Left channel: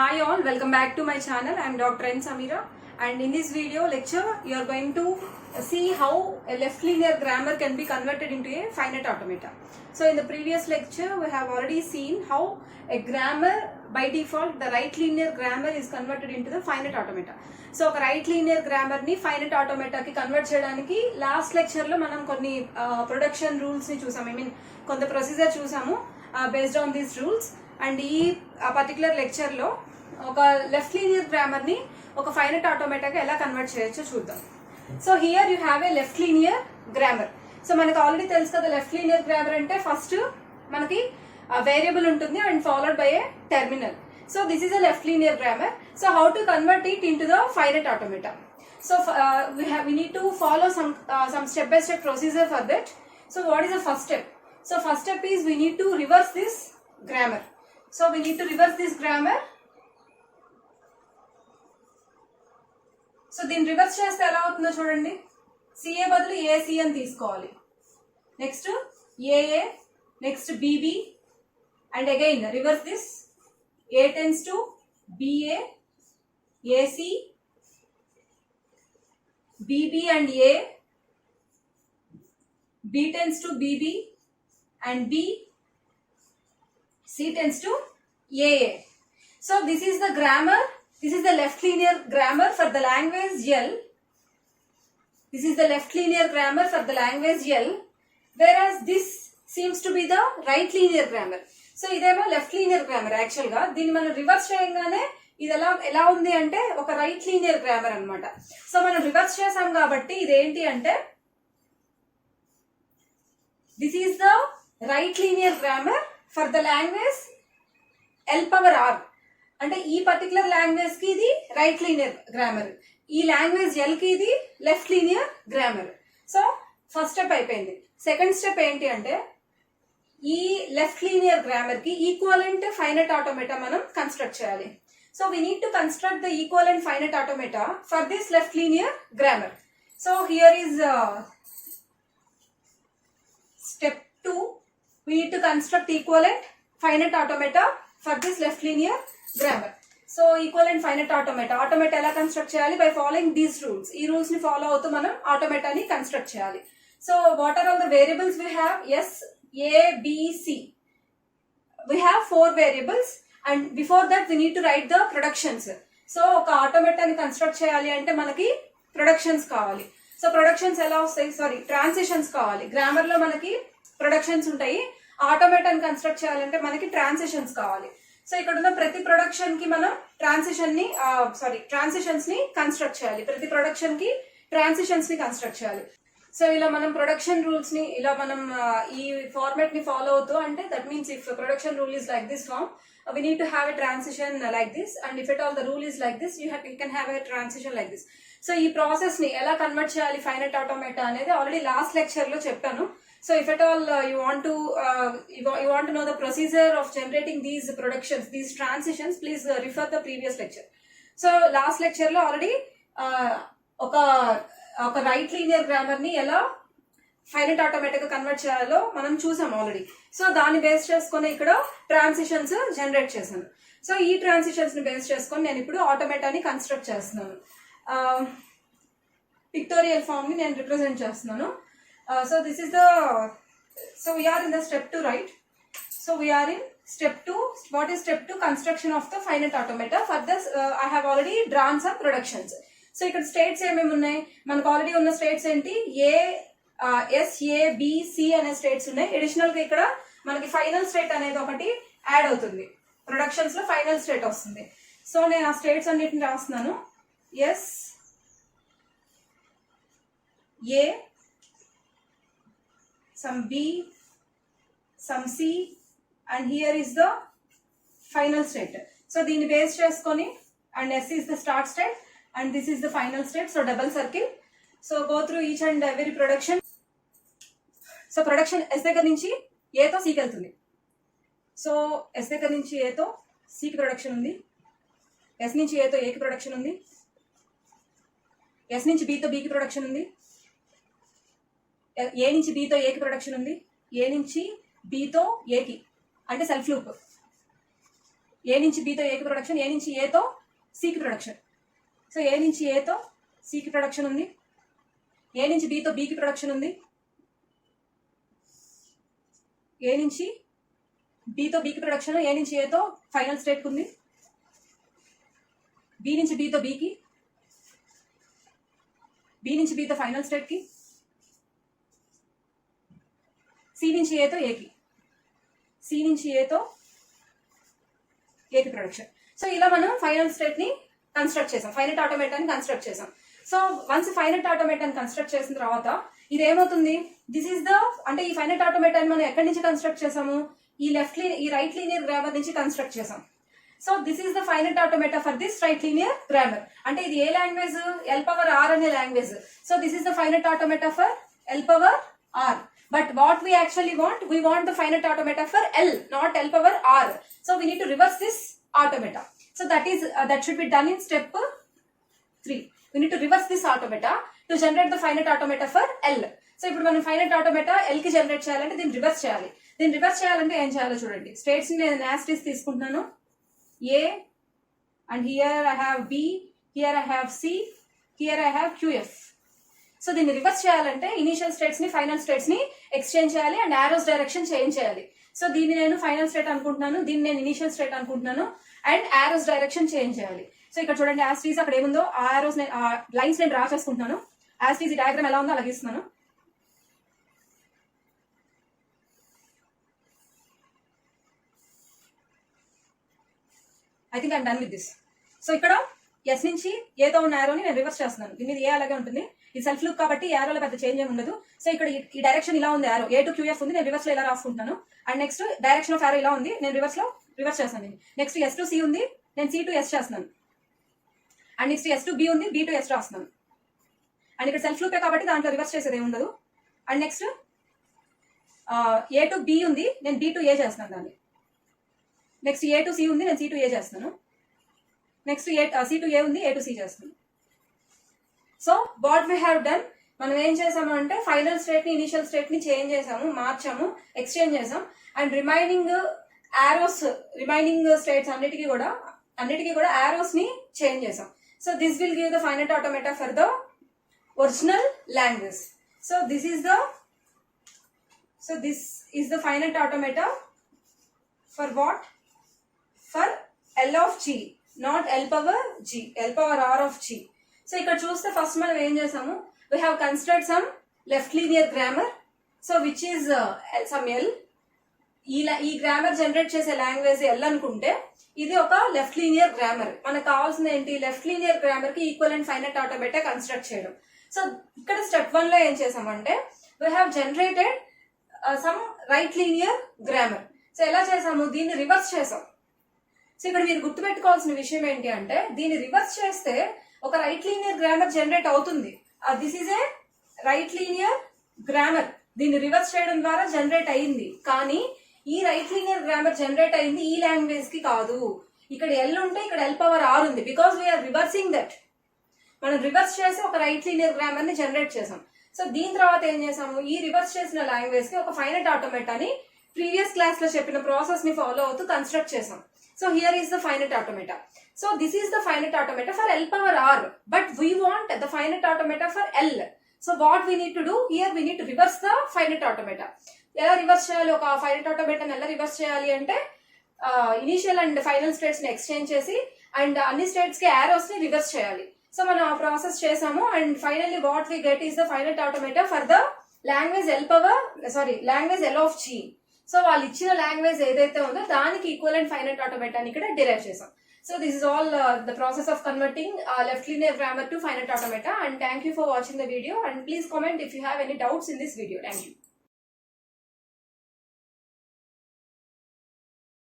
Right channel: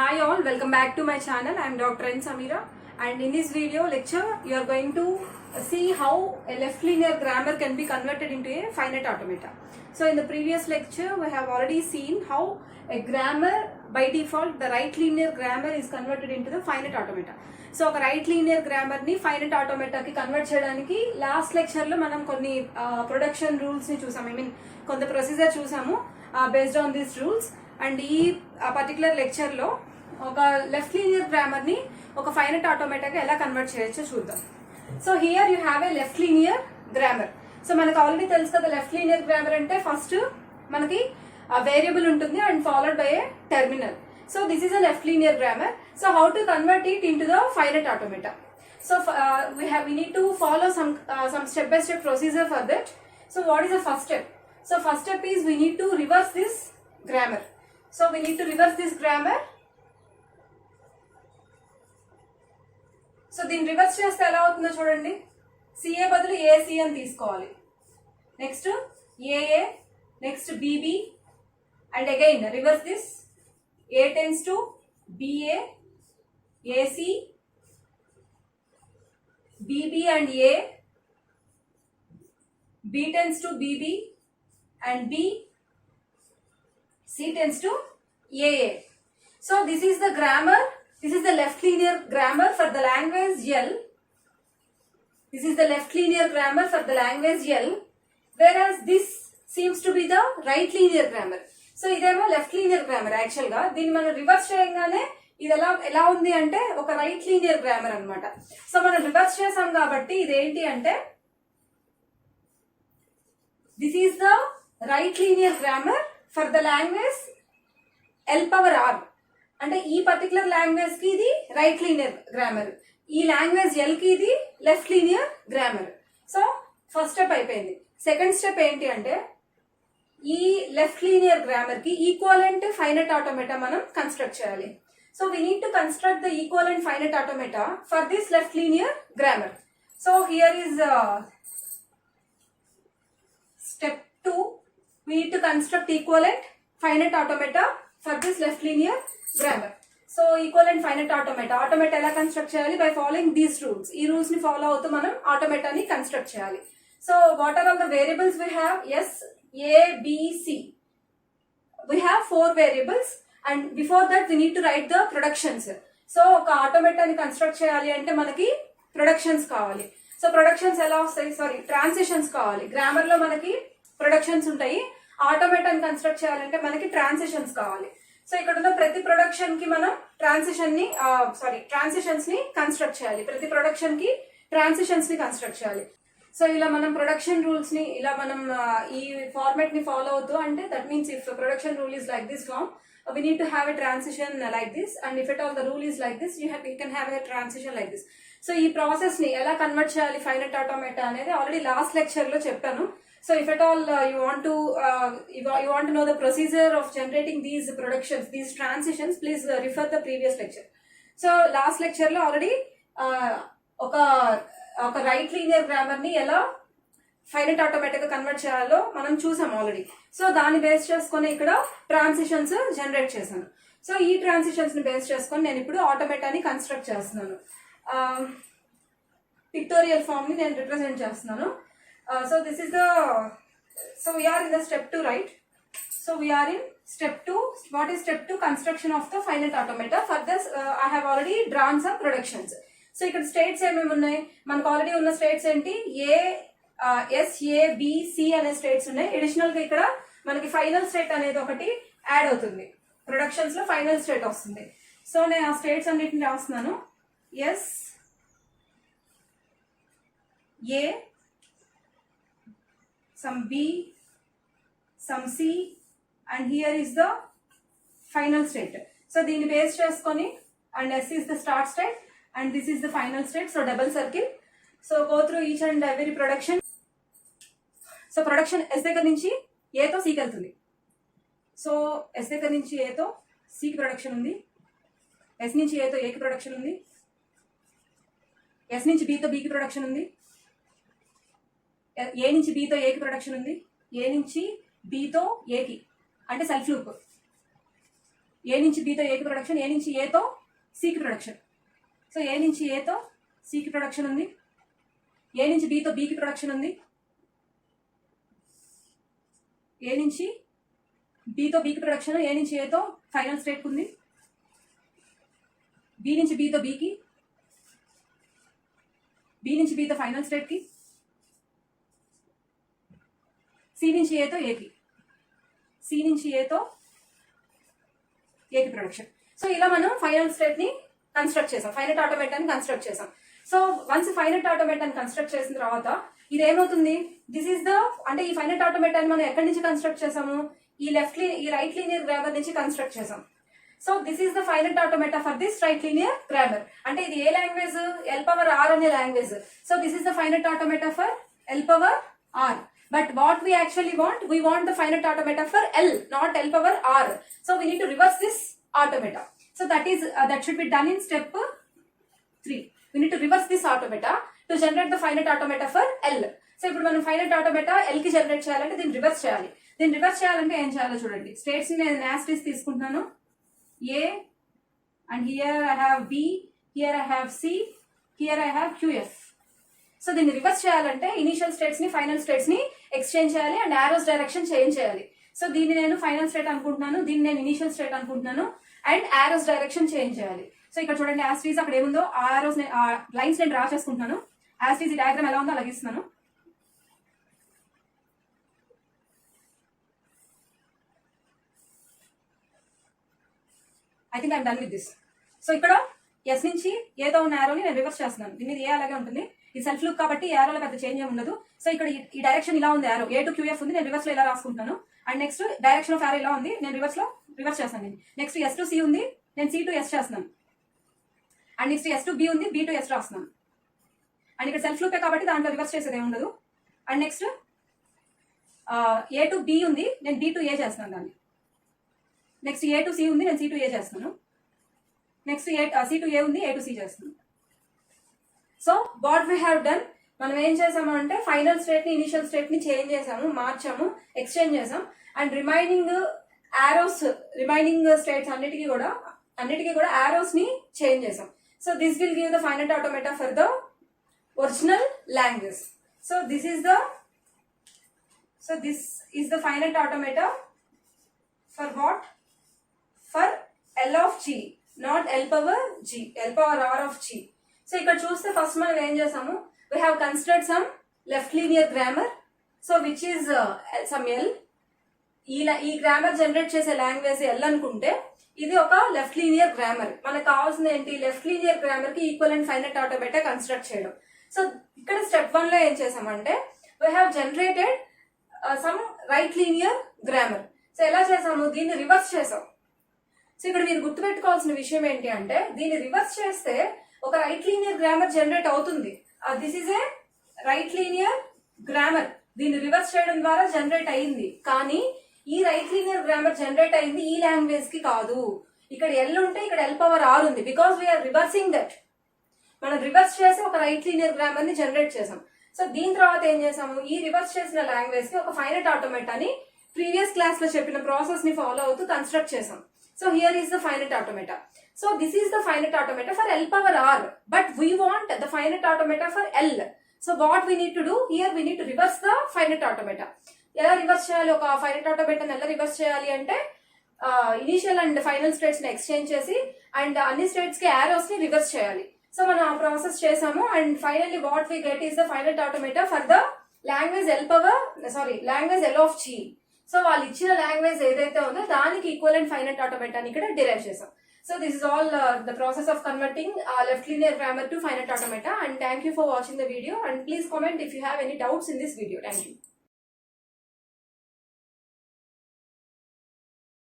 Hi all, welcome back to my channel. I am Dr. N. Samira, and in this video lecture you are going to see how a left linear grammar can be converted into a finite automata. So in the previous lecture we have already seen how a grammar by default, the right linear grammar is converted into the finite automata. So ఒక right linear grammar ని finite automata కి convert చేయడానికి last lecture లో మనం కొన్ని production rules ని చూసాము. కొంత ప్రొసీజర్ చూసాము based on these rules. And ఈ పర్టికులర్ లెక్చర్ లో ఒక లెఫ్ట్ లీనియర్ గ్రామర్ ని ఒక ఫైనైట్ ఆటోమేటాగా ఎలా కన్వర్ట్ చేయొచ్చో చూద్దాం. So here you have a left linear grammar. So మనకు ఆల్రెడీ తెలుసు కదా, లెఫ్ట్ లీనియర్ గ్రామర్ అంటే ఫస్ట్ మనకి వేరియబుల్ ఉంటుంది and followed by A terminal. So this is a left linear grammar. So how to convert it in to the finite automata? So we need to follow some step by step procedure for that. So what is the first step? So first step is we need to reverse this grammar. So we need to reverse this grammar. So దీన్ని reverse చేస్తే ఎలా అవుతుందో చూడండి. CA బదులు AC అని తీసుకోవాలి. Next A A, next B B, and again reverse this. A tends to B A, A C, B B and A, B tends to B B and B, C tends to AA. So this is the grammar. This is the left linear grammar for the language L. This is the left linear grammar for the language L. Whereas this seems to be the right linear grammar. So ఇదేమో left linear grammar. Actual గా దీన్ని మనం reverse చేయగానే ఇది ఎలా ఉంది అంటే ఒక రైట్ లీనియర్ గ్రామర్ అన్నమాట. సో మనం రివర్స్ చేసాం కాబట్టి ఇదేంటి అంటే this is the right linear grammar for the language L power R. అంటే ఈ పర్టికులర్ లాంగ్వేజ్ కి ఇది రైట్ లీనియర్ గ్రామర్, ఈ లాంగ్వేజ్ ఎల్ కి ఇది left linear grammar. So first step అయిపోయింది. సెకండ్ స్టెప్ ఏంటి అంటే ఈ లెఫ్ట్ లీనియర్ గ్రామర్ కి ఈక్వలెంట్ ఫైనైట్ ఆటోమేటా మనం కన్స్ట్రక్ట్ చేయాలి. So we need to construct the equivalent finite automata for this left linear grammar. So here is step 2. We need to construct equivalent finite automata for this left linear grammar. So equivalent finite automata ఎలా construct చేయాలి? By following these rules. ఈ rules ని follow అవుతూ మనం ఆటోమేటాని construct చేయాలి. So what are all the variables we have? S, A, B, C. We have 4 variables and before that we need to write the productions. So ఒక ఆటోమేటాని construct చేయాలి అంటే మనకి ప్రొడక్షన్స్ కావాలి. సో ప్రొడక్షన్స్ ఎలా వస్తాయి? సారీ, ట్రాన్సిషన్స్ కావాలి. Grammar లో మనకి ప్రొడక్షన్స్ ఉంటాయి, ఆటోమేటాని కన్స్ట్రక్ట్ చేయాలంటే మనకి ట్రాన్సిషన్స్ కావాలి. సో ఇక్కడ ఉన్న ప్రతి ప్రొడక్షన్ కి మనం ట్రాన్సిషన్స్ ని కన్స్ట్రక్ట్ చేయాలి. ప్రతి ప్రొడక్షన్ కి ట్రాన్సిషన్స్ ని కన్స్ట్రక్ట్ చేయాలి. సో ఇలా మనం ప్రొడక్షన్ రూల్స్ ని ఇలా మనం ఈ ఫార్మాట్ ని ఫాలో అవుతూ, అంటే that means if production rule is like this form, we need to have a transition like this, and if at all the rule is like this, you can have a transition like this. So ఈ process ని ఎలా convert చేయాలి finite automata అనేది already last lecture లో చెప్పాను. So if at all you want to know the procedure of generating these productions, these transitions, please refer the previous lecture. So last lecture లో already ఒక right linear grammar ని ఎలా finite automatic గా convert చేయాలో మనం చూసాం already. So దాన్ని base చేసుకుని ఇక్కడ ట్రాన్సిషన్స్ జనరేట్ చేశాను. సో ఈ ట్రాన్సిషన్స్ ని బేస్ చేసుకొని నేను ఇప్పుడు ఆటోమేటాని కన్స్ట్రక్ట్ చేస్తున్నాను. పిక్టోరియల్ ఫామ్ ని నేను రిప్రజెంట్ చేస్తున్నాను. So this is so we are in the step 2, right? So we are in step 2. What is step 2? Construction of the finite automata. For this I have already drawn some productions. So ఇక్కడ states ఏమేమి ఉన్నాయి? మనకు already ఉన్న states ఏంటి? ఏ, yes, A, B, C అనే states ఉన్నాయి. Additional గా ఇక్కడ మనకి ఫైనల్ స్టేట్ అనేది ఒకటి యాడ్ అవుతుంది. ప్రొడక్షన్స్ లో ఫైనల్ స్టేట్ వస్తుంది. సో నేను ఆ స్టేట్స్ అన్నిటిని రాస్తున్నాను. Yes, A, some B, some C, and here is the final state. So దీన్ని బేస్ చేసుకొని, and S is the start state and this is the final state. So double circle. So go through each and every production. So production S దగ్గర నుంచి A తో C కి వెళ్తుంది. So S దగ్గర నుంచి A తో C కి production ఉంది, S నుంచి A తో A కి ప్రొడక్షన్ ఉంది, S నుంచి B తో B కి ప్రొడక్షన్ ఉంది, ఏ నుంచి బీతో ఏకి ప్రొడక్షన్ ఉంది, ఏ నుంచి బీతో ఏకి అంటే సెల్ఫ్ లూప్. ఏ నుంచి బితో ఏకి ప్రొడక్షన్, ఏ నుంచి ఏతో సికి ప్రొడక్షన్. సో ఏ నుంచి ఏతో సికి ప్రొడక్షన్ ఉంది, ఏ నుంచి బితో బికి ప్రొడక్షన్ ఉంది, ఏ నుంచి బితో బికి ప్రొడక్షన్, ఏ నుంచి ఏతో ఫైనల్ స్టేట్ ఉంది, బి నుంచి బితో బికి, బి నుంచి బితో ఫైనల్ స్టేట్కి, సి నుంచి ఏతో ఏకి, సి నుంచి ఏతో ఏకి ప్రొడక్షన్. సో ఇలా మనం ఫైనల్ స్టేట్ ని కన్స్ట్రక్ట్ చేసాం, ఫైనట్ ఆటోమేటాన్ని కన్స్ట్రక్ట్ చేసాం. సో వన్స్ ఫైనట్ ఆటోమేటాన్ని కన్స్ట్రక్ట్ చేసిన తర్వాత ఇది ఏమవుతుంది, దిస్ ఈస్ ద అంటే ఈ ఫైనట్ ఆటోమేటాన్ని మనం ఎక్కడి నుంచి కన్స్ట్రక్ట్ చేసాము, ఈ రైట్ లీనియర్ గ్రామర్ నుంచి కన్స్ట్రక్ట్ చేసాం. So this is the finite automata for this right linear grammar. అంటే ఇది a language, L power R అనే language. So this is the finite automata for L power R. But what we actually want, we want the finite automata for L, not L power R. So we need to reverse this automata. So that should be done in step 3. We need to reverse this automata to generate the finite automata for L. So ఇప్పుడు మనం finite automata L కి generate చేయాలంటే దీన్ని reverse చేయాలి. దీన్ని reverse చేయాలంటే ఏం చేయాలో చూడండి. స్టేట్స్ ని నేను యాస్టీస్ తీసుకుంటున్నాను. A and here I have B, here I have C, here I have QF. So దీన్ని రివర్స్ చేయాలంటే ఇనిషియల్ స్టేట్స్ ని ఫైనల్ స్టేట్స్ ని ఎక్స్చేంజ్ చేయాలి అండ్ ఆరోస్ డైరెక్షన్ చేంజ్ చేయాలి. సో దీన్ని నేను ఫైనల్ స్టేట్ అనుకుంటున్నాను, దీన్ని నేను ఇనిషియల్ స్టేట్ అనుకుంటున్నాను అండ్ ఆరోస్ డైరెక్షన్ చేంజ్ చేయాలి. సో ఇక్కడ చూడండి యాస్టీస్ అక్కడ ఏముందో ఆరోస్ లైన్స్ నేను డ్రా చేసుకుంటున్నాను. యాస్టీస్ ఈ డయాగ్రామ్ ఎలా ఉందో అలాగే ఇస్తున్నాను. I think I'm done with this. So ఇక్కడ ఎస్ నుంచి ఏతో ఉన్న ఆరోని నేను రివర్స్ చేస్తున్నాను. దీని మీద ఏ అలాగే ఉంటుంది, ఇది సెల్ఫ్ లుక్ కాబట్టి ఏరోలో పెద్ద చేంజ్ ఏమి ఉండదు. సో ఇక్కడ ఈ డైరెక్షన్ ఇలా ఉంది, ఆరో ఏ టు క్యూఎఫ్ ఉంది, నేను రివర్స్ లో ఇలా రాసుకుంటాను. అండ్ నెక్స్ట్ డైరెక్షన్ ఆఫ్ ఆరో ఇలా ఉంది, నేను రివర్స్ చేస్తాను. నెక్స్ట్ ఎస్ టు సి ఉంది, నేను సి టు ఎస్ చేస్తున్నాను. And next S to B ఉంది, బి టు ఎస్ రాస్తున్నాను. అండ్ ఇక్కడ సెల్ఫ్ లుక్ కాబట్టి దాంట్లో రివర్స్ చేసేది ఏమి ఉండదు. And next A to B ఉంది, నేను బి టు ఏ చేస్తున్నాను దాన్ని. నెక్స్ట్ ఏ టు సి ఉంది, నేను సి టు ఏ చేస్తున్నాను. నెక్స్ట్ సి టు ఏ ఉంది, ఏ టు సి చేస్తున్నాను. So what we have done, మనం ఏం చేసాము అంటే ఫైనల్ స్టేట్ ని ఇనిషియల్ స్టేట్ ని చేంజ్ చేసాము, మార్చాము, ఎక్స్చేంజ్ చేసాం. అండ్ రిమైనింగ్ స్టేట్స్ అన్నిటికీ కూడా ఆరోస్ ని చేంజ్ చేసాం. So this will give the finite automata for the original language. So this is the finite automata for what, for L of G, not L power G, L power R of G. So ఇక్కడ చూస్తే first మనం ఏం చేసాము, we have considered some left linear grammar, so which is some L. ఈ grammar generate చేసే language L అనుకుంటే ఇది ఒక లెఫ్ట్ లీనియర్ గ్రామర్. మనకు కావాల్సింది ఏంటి, లెఫ్ట్ లీనియర్ గ్రామర్ కి ఈక్వలెంట్ ఫైనట్ ఆటోమేటా కన్స్ట్రక్ట్ చేయడం. సో ఇక్కడ స్టెప్ 1 లో ఏం చేసామంటే we have generated some right linear grammar. So ఎలా చేసాము, దీన్ని రివర్స్ చేసాం. సో ఇక్కడ మీరు గుర్తుపెట్టుకోవాల్సిన విషయం ఏంటి అంటే దీన్ని రివర్స్ చేస్తే ఒక రైట్ లీనియర్ గ్రామర్ జనరేట్ అవుతుంది. This is a right linear grammar, దీన్ని రివర్స్ చేయడం ద్వారా జనరేట్ అయింది. కానీ ఈ రైట్ లీనియర్ గ్రామర్ జనరేట్ అయింది ఈ లాంగ్వేజ్ కి కాదు. ఇక్కడ ఎల్ ఉంటే ఇక్కడ ఎల్ పవర్ ఆర్ ఉంది, బికాస్ వీఆర్ రివర్సింగ్ దట్. మనం రివర్స్ చేసి ఒక రైట్ లీనియర్ గ్రామర్ ని జనరేట్ చేసాం. సో దీని తర్వాత ఏం చేసాము, ఈ రివర్స్ చేసిన లాంగ్వేజ్ కి ఒక ఫైనట్ ఆటోమేటాని ప్రీవియస్ క్లాస్ లో చెప్పిన ప్రాసెస్ ని ఫాలో అవుతూ కన్స్ట్రక్ట్ చేసాం. So here is the finite automata. So this is the finite automata for L power R, but we want the finite automata for L. So what we need to do here, we need to reverse the finite automata. ఎలా reverse చేయాలి, ఒక finite ఆటోమేటాని ఎలా reverse చేయాలి అంటే initial and final states ని exchange చేసి and అన్ని స్టేట్స్ కి ఆరోస్ ని రివర్స్ చేయాలి. సో మనం ఆ ప్రాసెస్ చేసాము and finally what we get is the finite automata for the language L of G. సో వాళ్ళు ఇచ్చిన లాంగ్వేజ్ ఏదైతే ఉందో దానికి ఈక్వలెంట్ ఫైనట్ ఆటోమేటాని ఇక్కడ డిరైవ్ చేసాం. So this is all the process of converting left linear grammar to finite automata, and thank you for watching the video, and please comment if you have any doubts in this video. Thank you.